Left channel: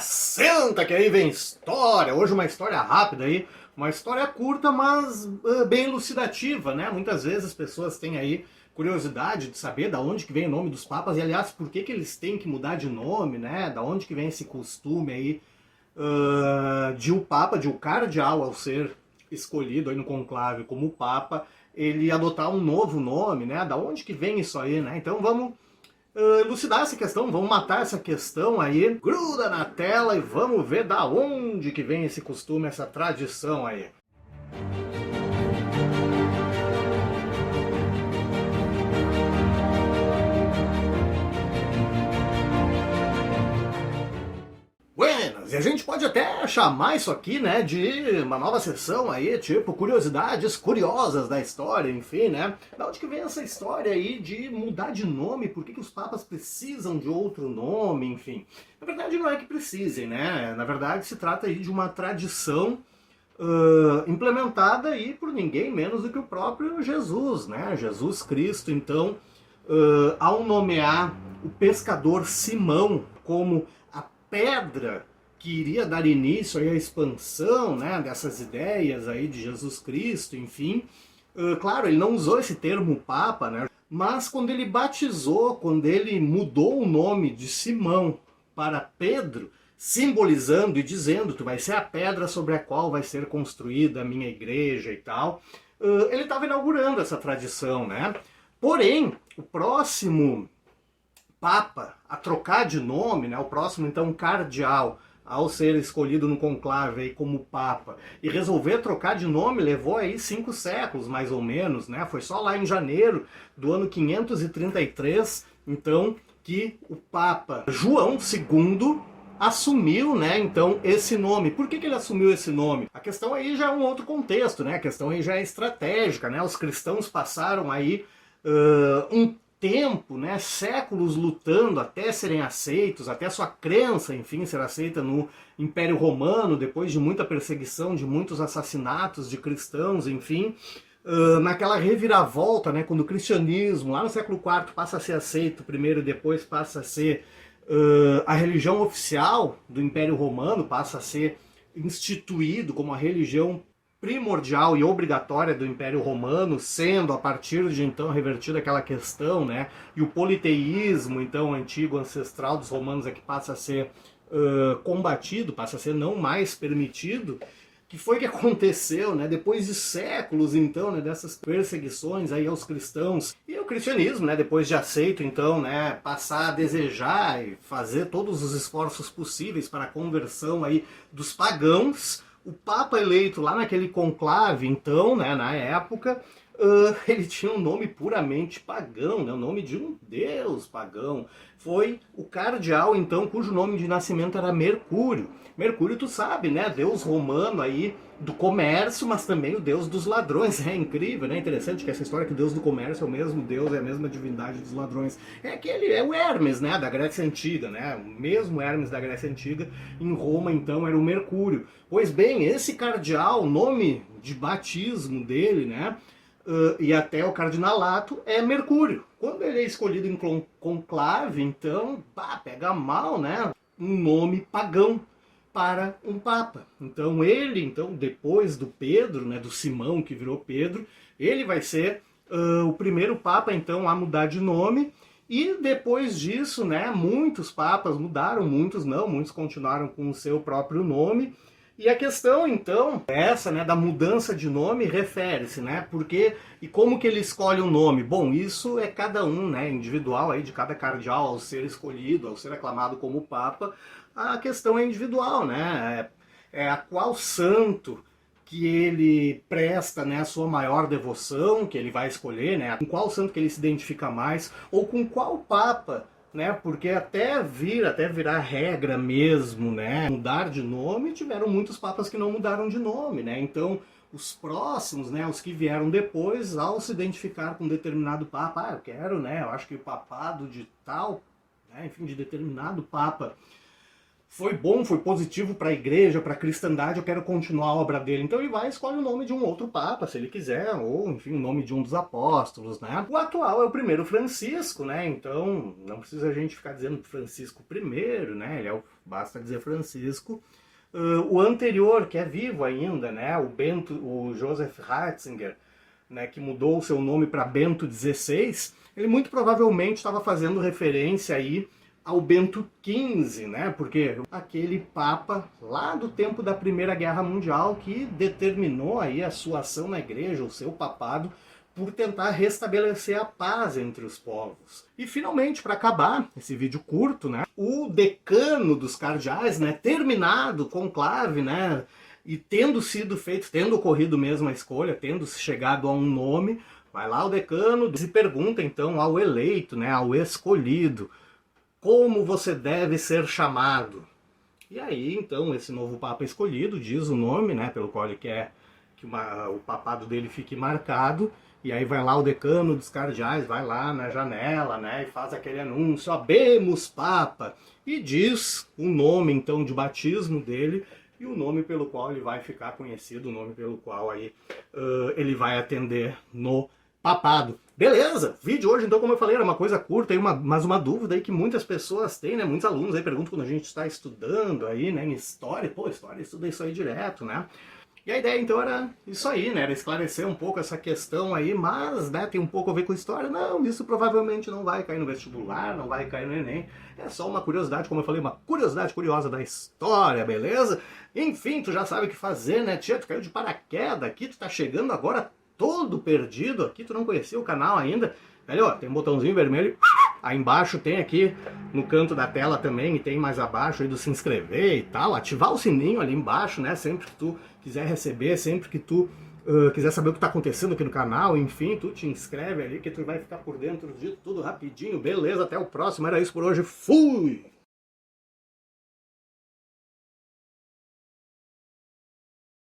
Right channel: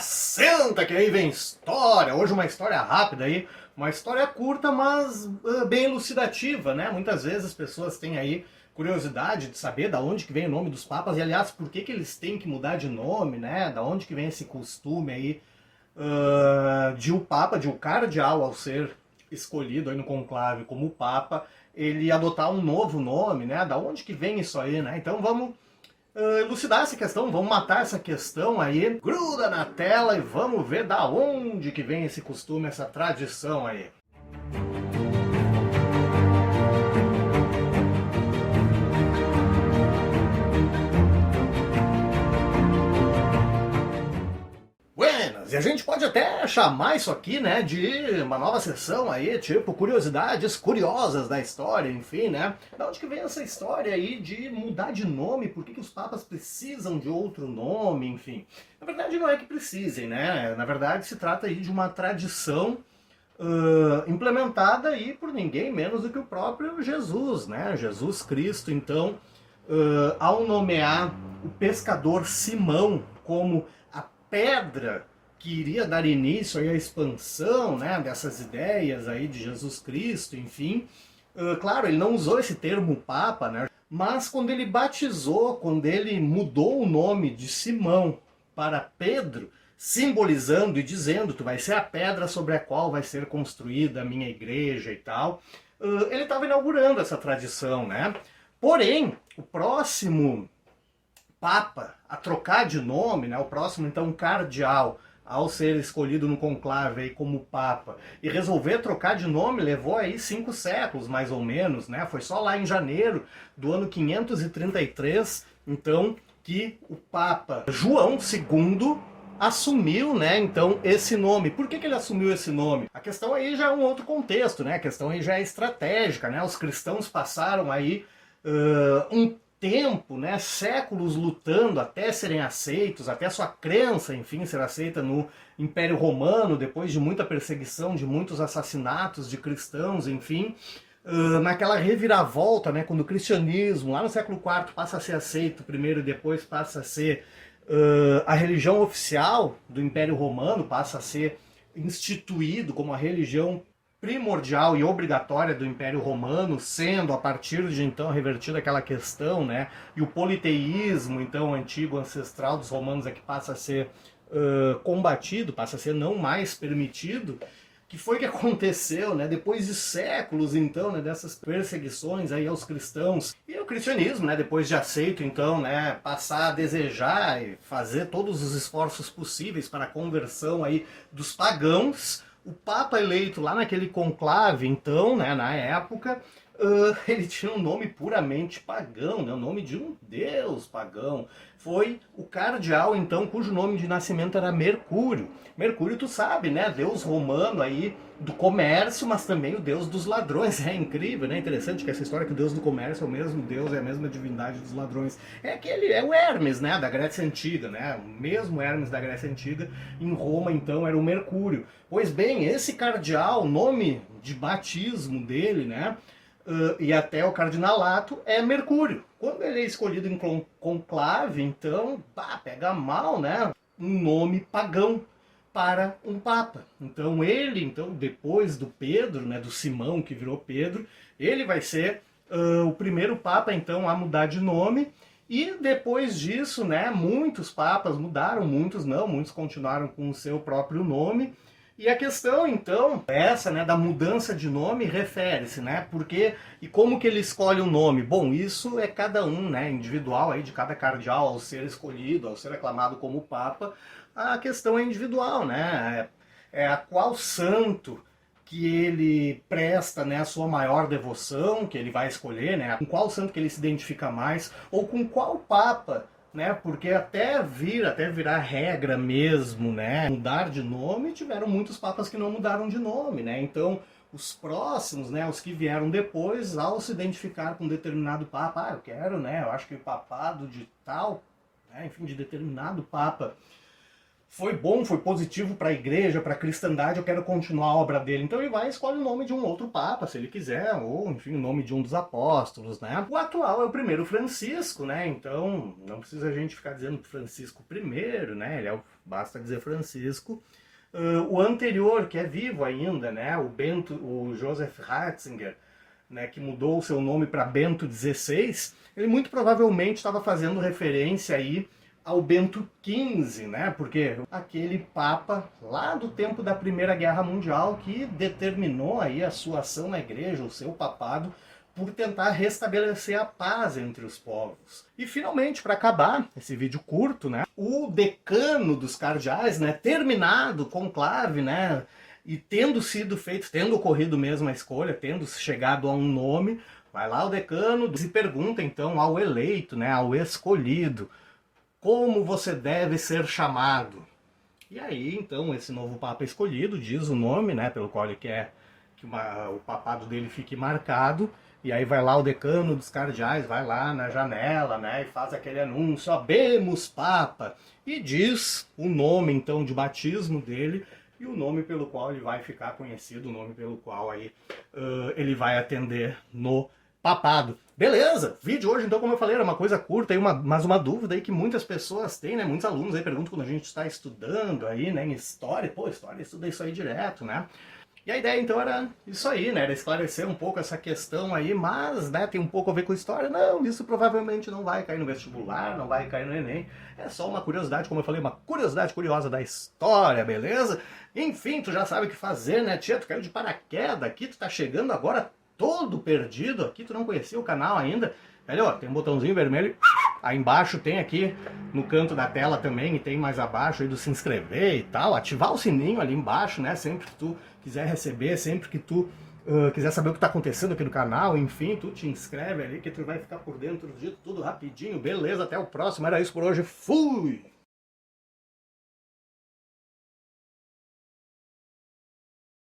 Senta que aí vem história. Hoje uma história rápida aí, uma história curta, mas bem elucidativa, né? Muitas vezes as pessoas têm aí curiosidade de saber da onde que vem o nome dos papas e, aliás, por que que eles têm que mudar de nome, né? Da onde que vem esse costume aí de o papa, de o cardeal, ao ser escolhido aí no conclave como papa, ele adotar um novo nome, né? Da onde que vem isso aí, né? Então vamos elucidar essa questão, vamos matar essa questão aí, gruda na tela e vamos ver da onde que vem esse costume, essa tradição aí. Buenas! E a gente pode até chamar isso aqui, né, de uma nova sessão aí, tipo curiosidades curiosas da história, enfim, né? Da onde que vem essa história aí de mudar de nome? Por que que os papas precisam de outro nome, enfim? Na verdade não é que precisem, né? Na verdade se trata aí de uma tradição implementada aí por ninguém menos do que o próprio Jesus, né? Jesus Cristo, então, ao nomear o pescador Simão como a pedra que iria dar início aí à expansão, né, dessas ideias aí de Jesus Cristo, enfim. Claro, ele não usou esse termo papa, né, mas quando ele batizou, quando ele mudou o nome de Simão para Pedro, simbolizando e dizendo que vai ser a pedra sobre a qual vai ser construída a minha igreja e tal, ele estava inaugurando essa tradição, né? Porém, o próximo papa a trocar de nome, né, o próximo então cardeal, ao ser escolhido no conclave aí como papa, e resolver trocar de nome, levou aí 5 séculos mais ou menos, né? Foi só lá em janeiro do ano 533, então, que o papa João II assumiu, né, então, esse nome. Por que que ele assumiu esse nome? A questão aí já é um outro contexto, né? A questão aí já é estratégica, né? Os cristãos passaram aí um tempo, né, séculos lutando até serem aceitos, até sua crença, enfim, ser aceita no Império Romano, depois de muita perseguição, de muitos assassinatos de cristãos, enfim, naquela reviravolta, né, quando o cristianismo, lá no século IV, passa a ser aceito primeiro e depois passa a ser a religião oficial do Império Romano, passa a ser instituído como a religião primordial e obrigatória do Império Romano, sendo a partir de então revertida aquela questão, né? E o politeísmo, então, antigo, ancestral dos romanos é que passa a ser combatido, passa a ser não mais permitido. Que foi que aconteceu, né? Depois de séculos, então, né, dessas perseguições aí aos cristãos e o cristianismo, né, depois de aceito, então, né, passar a desejar e fazer todos os esforços possíveis para a conversão aí dos pagãos. O Papa eleito lá naquele conclave, então, né, na época, ele tinha um nome puramente pagão, né, o nome de um deus pagão. Foi o cardeal, então, cujo nome de nascimento era Mercúrio. Mercúrio, tu sabe, né, deus romano aí do comércio, mas também o deus dos ladrões. É incrível, né? Interessante que essa história que o deus do comércio é o mesmo deus, é a mesma divindade dos ladrões. É o Hermes, né, da Grécia Antiga, né? O mesmo Hermes da Grécia Antiga, em Roma, então, era o Mercúrio. Pois bem, esse cardeal, o nome de batismo dele, né, e até o cardinalato, é Mercúrio. Quando ele é escolhido em conclave, então, pega mal, né, um nome pagão para um papa. Então ele, então, depois do Pedro, né, do Simão que virou Pedro, ele vai ser o primeiro papa, então, a mudar de nome. E depois disso, né, muitos papas mudaram, muitos não, muitos continuaram com o seu próprio nome. E a questão, então, essa, né, da mudança de nome refere-se, né, porque e como que ele escolhe o nome? Bom, isso é cada um, né, individual aí de cada cardeal ao ser escolhido, ao ser aclamado como papa, a questão é individual, né, é a qual santo que ele presta, né, a sua maior devoção, que ele vai escolher, né, com qual santo que ele se identifica mais, ou com qual papa, né, porque até virar regra mesmo, né, mudar de nome, tiveram muitos papas que não mudaram de nome, né, então os próximos, né, os que vieram depois, ao se identificar com um determinado papa, eu quero, né, eu acho que o papado de tal, né, enfim, de determinado papa foi bom, foi positivo para a igreja, para a cristandade, eu quero continuar a obra dele. Então ele vai e escolhe o nome de um outro papa, se ele quiser, ou enfim, o nome de um dos apóstolos, né? O atual é o primeiro Francisco, né? Então não precisa a gente ficar dizendo Francisco I, né? Basta dizer Francisco. O anterior, que é vivo ainda, né? O Joseph Ratzinger, né? Que mudou o seu nome para Bento XVI, ele muito provavelmente estava fazendo referência aí ao Bento XV, né? Porque aquele papa lá do tempo da Primeira Guerra Mundial que determinou aí a sua ação na igreja, o seu papado, por tentar restabelecer a paz entre os povos. E finalmente, para acabar esse vídeo curto, né? O decano dos cardeais, né? Terminado o conclave, né? E tendo sido feito, tendo ocorrido mesmo a escolha, tendo chegado a um nome, vai lá o decano e pergunta então ao eleito, né? Ao escolhido: como você deve ser chamado? E aí, então, esse novo Papa escolhido diz o nome, né, pelo qual ele quer que o papado dele fique marcado, e aí vai lá o decano dos cardeais, vai lá na janela, né, e faz aquele anúncio: Habemus Papa, e diz o nome, então, de batismo dele, e o nome pelo qual ele vai ficar conhecido, o nome pelo qual aí ele vai atender no papado. Beleza, vídeo hoje, então, como eu falei, era uma coisa curta, aí mas uma dúvida aí que muitas pessoas têm, né? Muitos alunos aí perguntam quando a gente está estudando aí, né, em história. Pô, história, estuda isso aí direto, né? E a ideia, então, era isso aí, né? Era esclarecer um pouco essa questão aí, mas, né, tem um pouco a ver com história. Não, isso provavelmente não vai cair no vestibular, não vai cair no Enem. É só uma curiosidade, como eu falei, uma curiosidade curiosa da história, beleza? Enfim, tu já sabe o que fazer, né, tia? Tu caiu de paraquedas aqui, tu tá chegando agora todo perdido aqui, tu não conhecia o canal ainda, velho, ó, tem um botãozinho vermelho, aí embaixo tem aqui no canto da tela também, e tem mais abaixo aí do se inscrever e tal, ativar o sininho ali embaixo, né, sempre que tu quiser receber, sempre que tu quiser saber o que tá acontecendo aqui no canal, enfim, tu te inscreve ali que tu vai ficar por dentro de tudo rapidinho, beleza? Até o próximo, era isso por hoje, fui!